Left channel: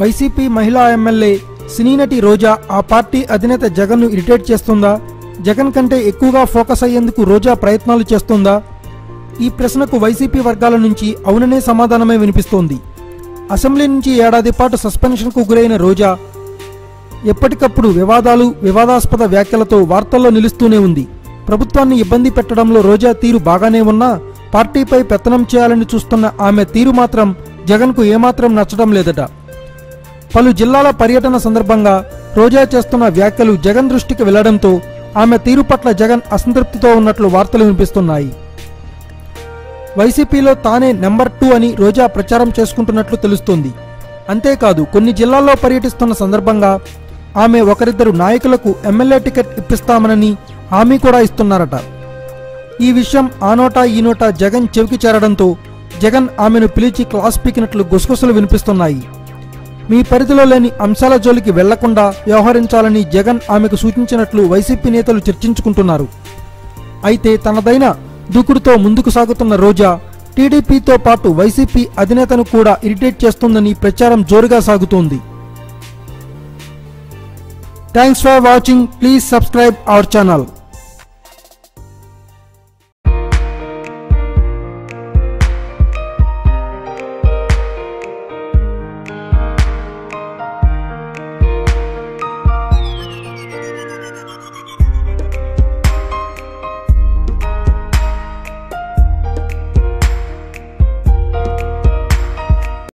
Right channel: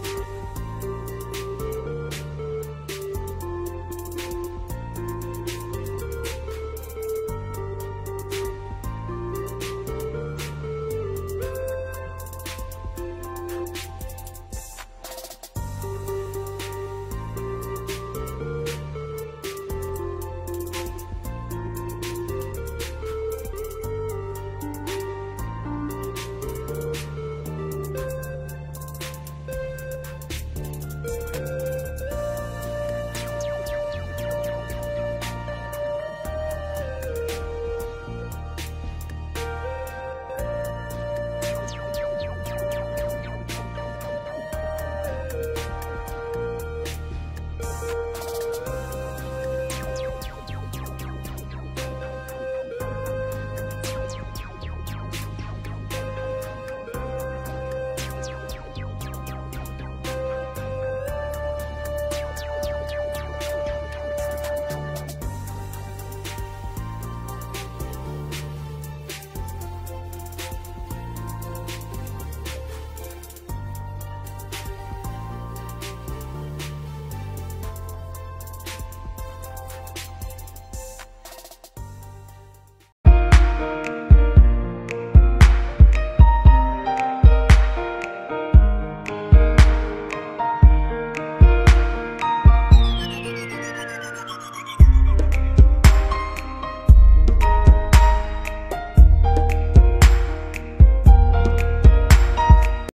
YCP మహిళా MLA సినీ నటి రోజా ఆ పార్టీ అధినేత జగన్ను ఇరిటేట్ చేస్తుందా? జగన్ కంటే ఎక్కువగా ఫోకస్ అయ్యేందుకు రోజా ప్రయత్నాలు చేస్తుందా? ఈ ప్రశ్నకు వైసీపీ వర్గాల నుంచి అవుననే సమాధానమే వినిపిస్తోంది. అసెంబ్లీ నుంచి ఏడాది పాటు సస్పెన్షన్కు గురైన రోజా ఎప్పటికప్పుడు వివాదాస్పద వ్యాఖ్యలతో వార్తల్లో నిలుస్తూనే ఉంది. ప్రభుత్వాన్ని ఇబ్బంది పెట్టడంలో రోజా తీరు బాగానే ఉన్నా పార్టీపై పెత్తనం చేయాలని చూస్తున్న ఆమె తీరు మాత్రం జగన్కు ఏమాత్రం నచ్చడం లేదట. పలు జిల్లాల పర్యటన సందర్భంగా రోజా చేస్తున్న వ్యాఖ్యలు జగన్ దృష్టికి వెళ్లడంతో ఆమె తీరు పట్ల జగన్ అసంతృప్తితో ఉన్నట్లు వార్తలు వినిపిస్తున్నాయి. వైసీపీలో తానే నెంబర్ 2 అని రోజా ప్రచారం చేసుకుంటున్నట్లు తెలుస్తోంది. అంతేకాదు కొన్ని జిల్లాల్లో పర్యటిస్తున్న సందర్భంగా ఆమె ఒకరిద్దరు నాయకులకు ఎమ్మెల్యే టికెట్ ఇప్పిస్తామనని హామీ కూడా ఇస్తున్నారట. ఈ విషయం ఆ నోటా ఈ నోటా జగన్ చెవికి చేరడంతో జగన్ ఆమెను పిలిచి క్లాస్ పీకినట్లు గుసగుసలు వినిపిస్తున్నాయి. మీ పరిధిలో లేని అంశాల జోలికి వెళ్లకుండా వ్యవహరించాలని జగన్ ఆమెకు సూచించినట్లు వైసీపీ నేతలు చర్చించుకుంటున్నారు. అయితే తనదైన దూకుడుతో ముందుకు సాగుతున్న రోజా టీడీపీతో పాటు వైసీపీ అధినేతను కూడా ఇరిటేట్ చేస్తుందని ప్రచారం జోరుగా సాగుతోంది. Thanks for watching. Please subscribe our channel.